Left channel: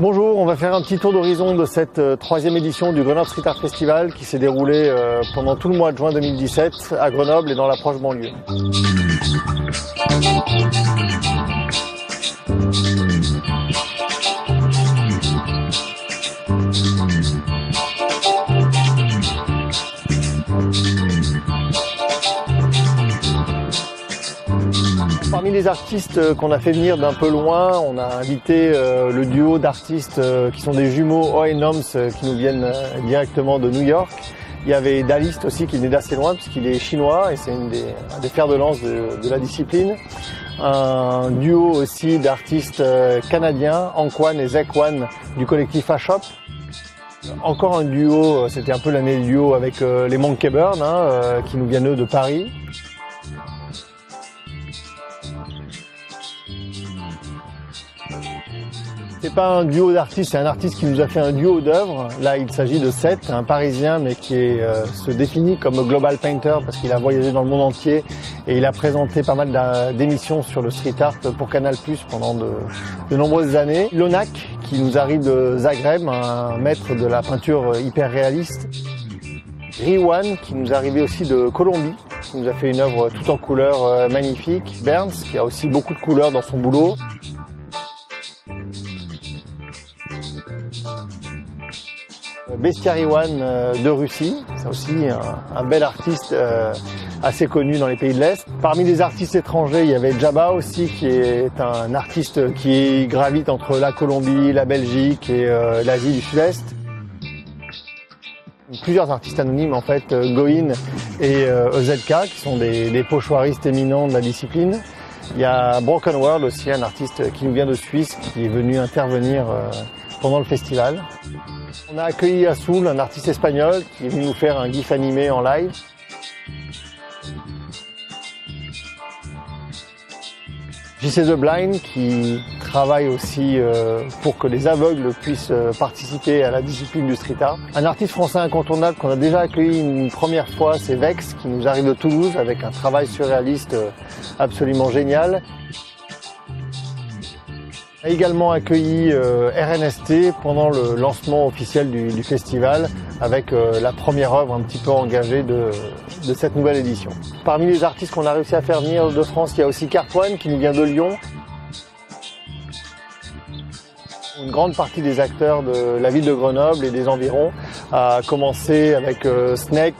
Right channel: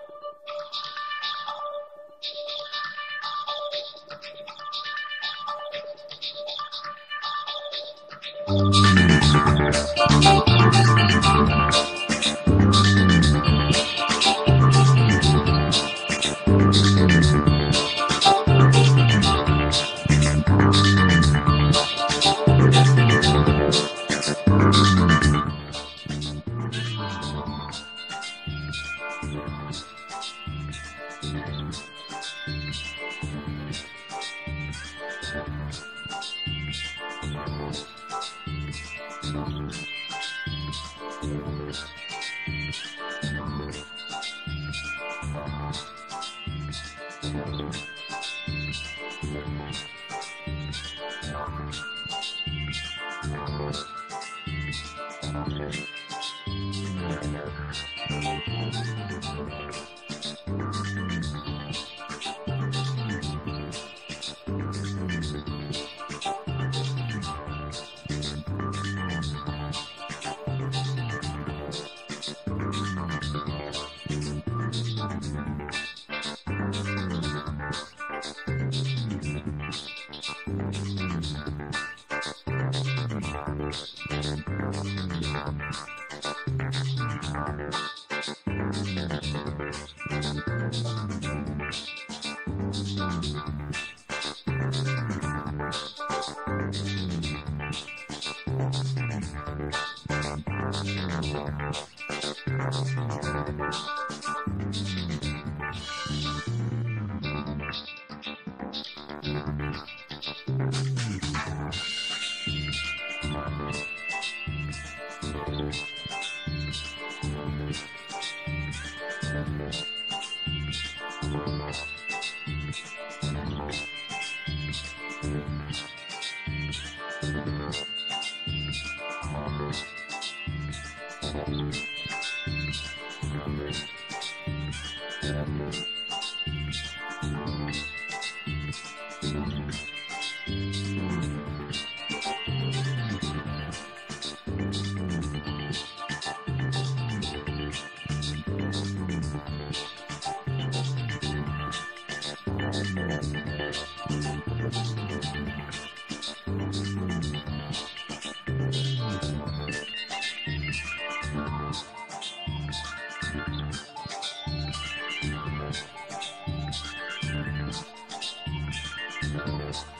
Bonjour, on va faire un petit tour d'horizon de cette troisième édition du Grenoble Street Art Festival qui s'est déroulé pendant tout le mois de juin 2017 à Grenoble et dans la proche banlieue. Parmi les artistes qu'on a fait venir d'un peu loin, on a invité le duo d'artistes qui sont des jumeaux Oi Noms qui nous viennent directement de New York. Il y avait Dalist aussi qui venait d'assez loin puisqu'il est chinois et c'est un des fers de lance de la discipline. Un duo aussi d'artistes canadiens, Anquan et Zekwan du collectif A-Shop. Encore un duo, c'était un peu l'année du duo avec les Monkey Burn qui nous viennent eux de Paris. C'est pas un duo d'artistes, c'est un artiste qui nous a fait un duo d'œuvres. Là, il s'agit de Seth, un Parisien, mais qui se définit comme global painter parce qu'il a voyagé dans le monde entier et il a présenté pas mal d'émissions sur le street art pour Canal+ pendant de nombreuses années. Lonak, qui nous arrive de Zagreb, un maître de la peinture hyper réaliste. Riwan, qui nous est arrivé aussi de Colombie, qui nous a fait une œuvre toute en couleurs magnifique. Burns, qui a aussi beaucoup de couleurs dans son boulot. Bestiariwan de Russie, c'est aussi un bel artiste assez connu dans les pays de l'Est. Parmi les artistes étrangers, il y avait Jabba aussi, qui est un artiste qui gravite entre la Colombie, la Belgique et l'Asie du Sud-Est. Plusieurs artistes anonymes en fait, Goin et EZK, qui sont des pochoiristes éminents de la discipline. Il y a Broken World aussi, un artiste qui nous vient de Suisse, qui est venu intervenir pendant le festival. On a accueilli Azul, un artiste espagnol, qui est venu nous faire un gif animé en live. JC The Blind, qui travaille aussi pour que les aveugles puissent participer à la discipline du street art. Un artiste français incontournable qu'on a déjà accueilli une première fois, c'est Vex, qui nous arrive de Toulouse avec un travail surréaliste absolument génial. On a également accueilli RNST pendant le lancement officiel du festival avec la première œuvre un petit peu engagée de cette nouvelle édition. Parmi les artistes qu'on a réussi à faire venir de France, il y a aussi Cartwan qui nous vient de Lyon. Une grande partie des acteurs de la ville de Grenoble et des environs a commencé avec Snake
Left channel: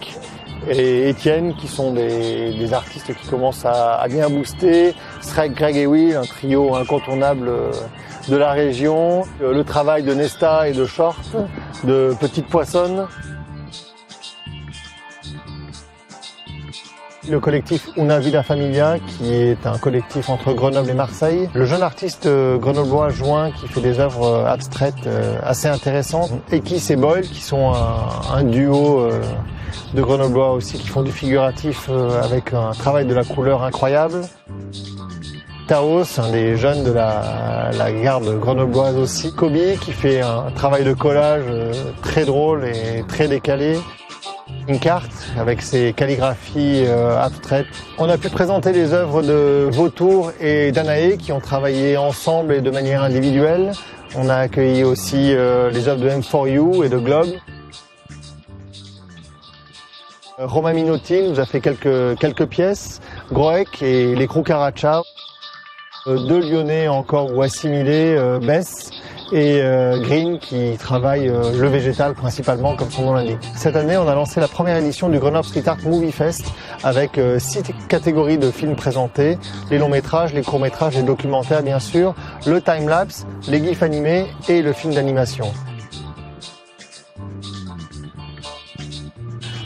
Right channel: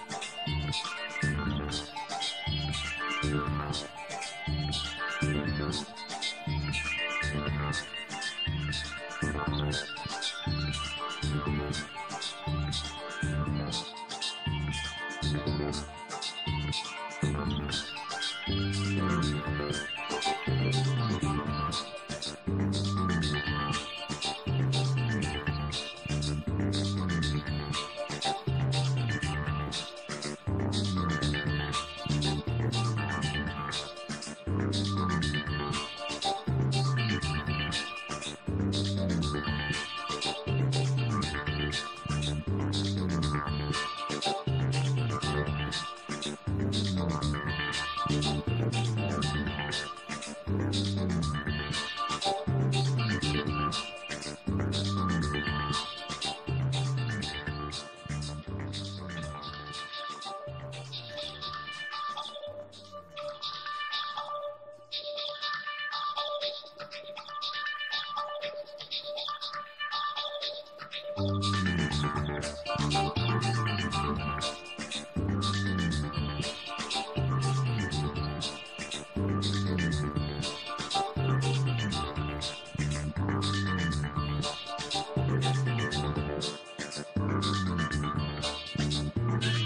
et Étienne qui sont des artistes qui commencent à bien booster. Shrek, Greg et Will, un trio incontournable de la région. Le travail de Nesta et de Short, de Petite Poissonne. Le collectif Una Vida Familia, qui est un collectif entre Grenoble et Marseille. Le jeune artiste grenoblois Join, qui fait des œuvres abstraites assez intéressantes. Ekis et Boyle, qui sont un duo de grenoblois aussi, qui font du figuratif avec un travail de la couleur incroyable. Taos, un des jeunes de la garde grenobloise aussi. Kobe, qui fait un travail de collage très drôle et très décalé. Une carte avec ses calligraphies abstraites. On a pu présenter les œuvres de Vautour et Danae qui ont travaillé ensemble et de manière individuelle. On a accueilli aussi les œuvres de M4U et de Globe. Romain Minotti nous a fait quelques pièces. Groek et les Krucaracha. Deux Lyonnais encore ou assimilés, Bess et Green qui travaillent le végétal principalement comme son nom l'indique. Cette année, on a lancé la première édition du Grenoble Street Art Movie Fest avec 6 catégories de films présentés, les longs métrages, les courts métrages, les documentaires bien sûr, le time-lapse, les gifs animés et le film d'animation.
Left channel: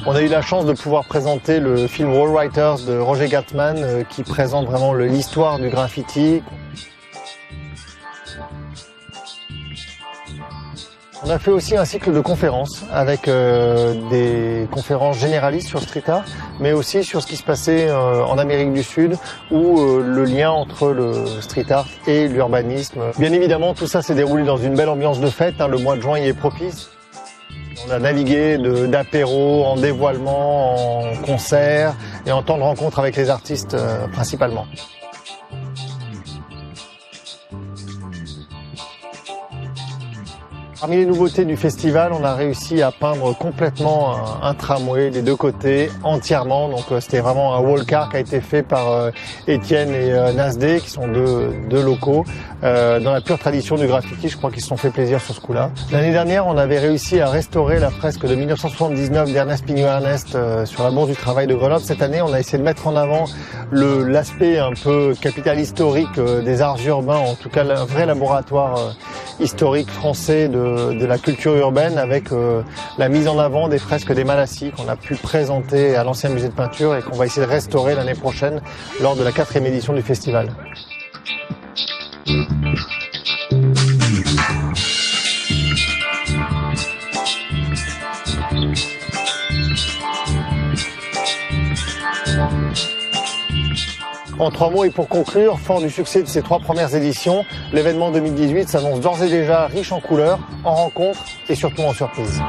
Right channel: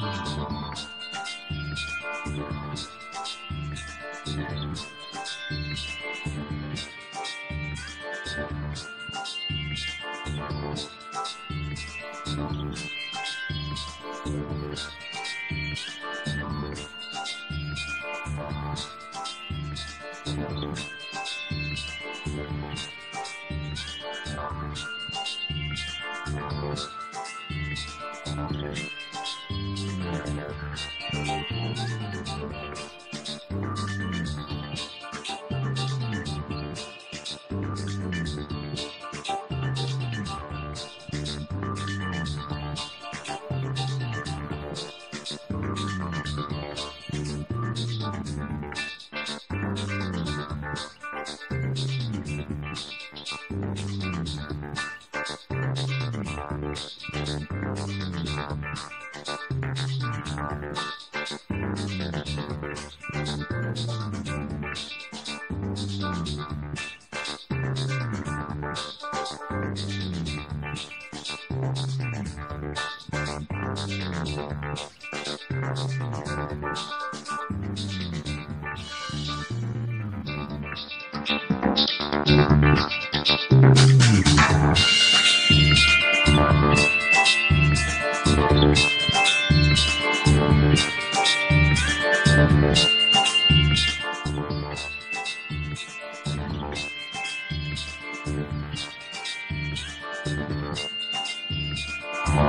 On a eu la chance de pouvoir présenter le film Wall Writers de Roger Gatman qui présente vraiment l'histoire du graffiti. On a fait aussi un cycle de conférences avec des conférences généralistes sur street art, mais aussi sur ce qui se passait en Amérique du Sud, où le lien entre le street art et l'urbanisme. Bien évidemment, tout ça s'est déroulé dans une belle ambiance de fête, le mois de juin y est propice. On a navigué d'apéro, en dévoilement, en concert et en temps de rencontre avec les artistes principalement. Parmi les nouveautés du festival, on a réussi à peindre complètement un tramway des deux côtés, entièrement. Donc c'était vraiment un wall-car qui a été fait par Étienne et Nasdé, qui sont deux locaux. Dans la pure tradition du graffiti, je crois qu'ils se sont fait plaisir sur ce coup-là. L'année dernière, on avait réussi à restaurer la fresque de 1979 d'Ernest Pignot-Ernest sur la Bourse du Travail de Grenoble. Cette année, on a essayé de mettre en avant l'aspect un peu capital historique des arts urbains, en tout cas un vrai laboratoire historique français de la culture urbaine, avec la mise en avant des fresques des Malassis qu'on a pu présenter à l'ancien musée de peinture et qu'on va essayer de restaurer l'année prochaine lors de la 4e édition du festival. En 3 mots et pour conclure, fort du succès de ces 3 premières éditions, l'événement 2018 s'annonce d'ores et déjà riche en couleurs, en rencontres et surtout en surprises.